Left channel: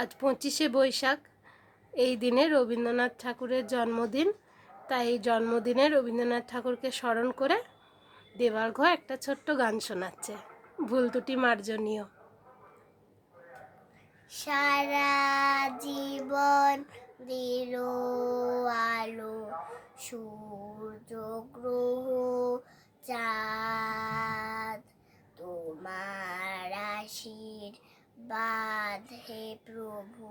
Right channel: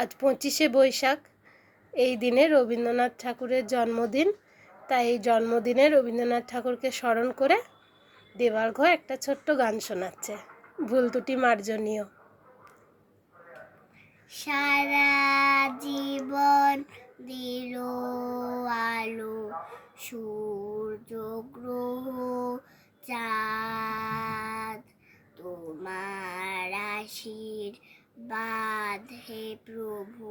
আজ 25শে বৈশাখ। এই দিনে রবীন্দ্রনাথ ঠাকুরের জন্মদিন। তাই এই জন্মদিনে রবীন্দ্রনাথ ঠাকুরকে স্মরণ করে দেবার্ঘ একটা ছোট্ট গান শোনাচ্ছে, ভুল ত্রুটি মার্জনীয়। সারা জীবন দিল আলো, সূর্য গ্রহ চাঁদ, তোমার আশীর্বাদ হে প্রভু,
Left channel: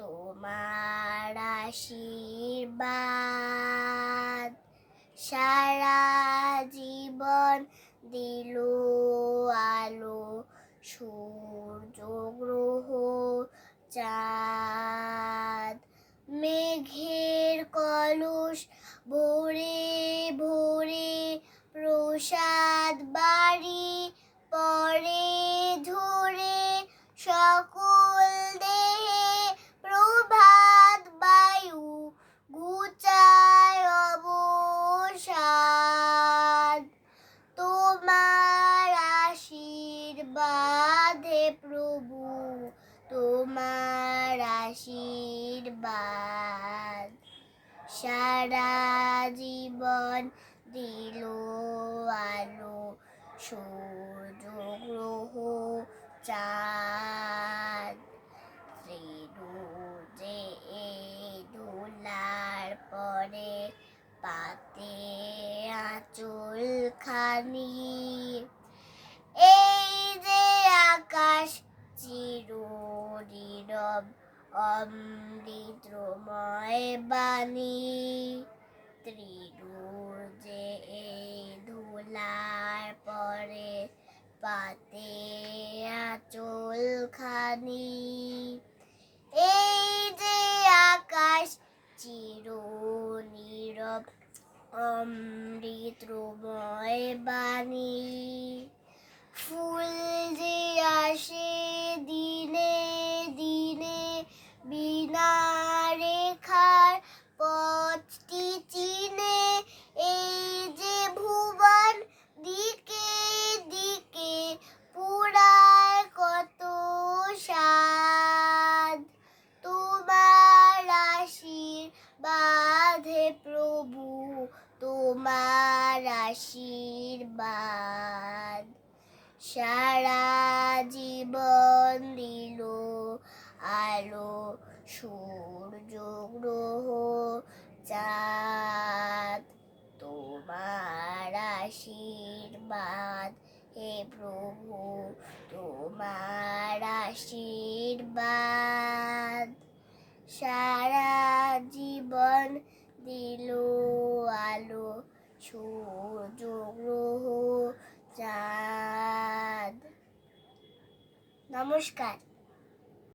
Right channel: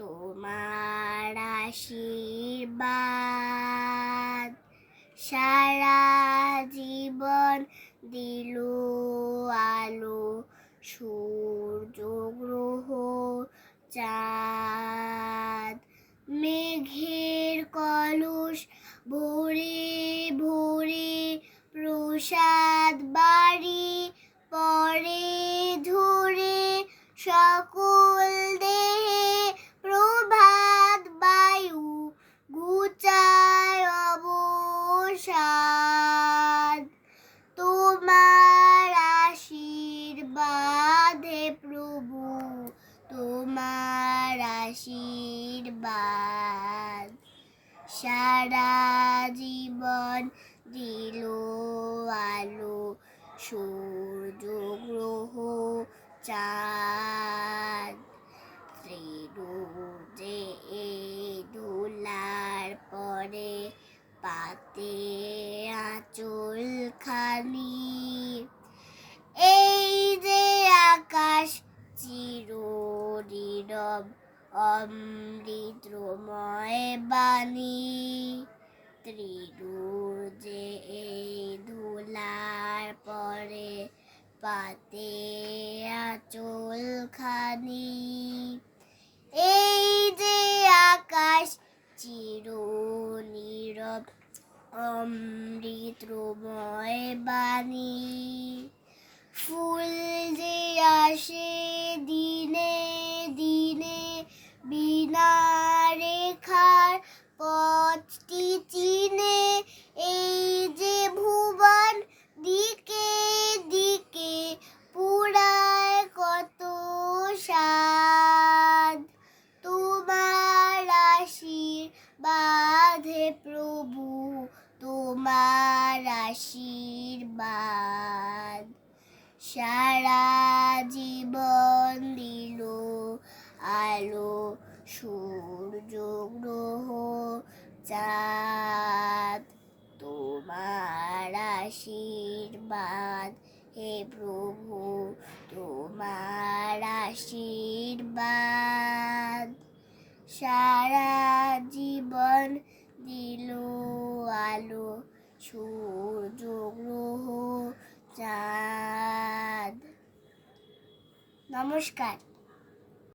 তোমার আশীর্বাদ। সারা জীবন দিল আলো, সূর্য গ্রহ চাঁদ, মেঘের কলস ভরে ভরে প্রসাদ বাড়ি পরে ঝরে, সকল দেহে প্রভাত বায়ু ঘুচায় অবসাদ। তোমার আশীর্বাদ হে প্রভু, তোমার আশীর্বাদ। সারা জীবন দিল আলো, সূর্য গ্রহ চাঁদ, ত্রিদুর্গে ধুলার পরে পাতে আঁচল খানি। এই যে আকাশ চির নীরব, অমৃতময় বাণী, ত্রিদুর্গে ধুলার পরে পাতে আঁচল খানি। এই যে আকাশ চির নীরব, অমৃতময় বাণী, ফুল যে আসে দিনে দিনে, বিনা রেখার পথটি চিনে। এই যে ভুবন দিকে দিকে পুরায় কত সাদ, তোমার আশীর্বাদ হে প্রভু, তোমার আশীর্বাদ। সারা জীবন দিল আলো, সূর্য গ্রহ চাঁদ, তোমার আশীর্বাদ হে প্রভু, তোমার আশীর্বাদ। সারা জীবন দিল আলো, সূর্য গ্রহ চাঁদ। নমস্কার।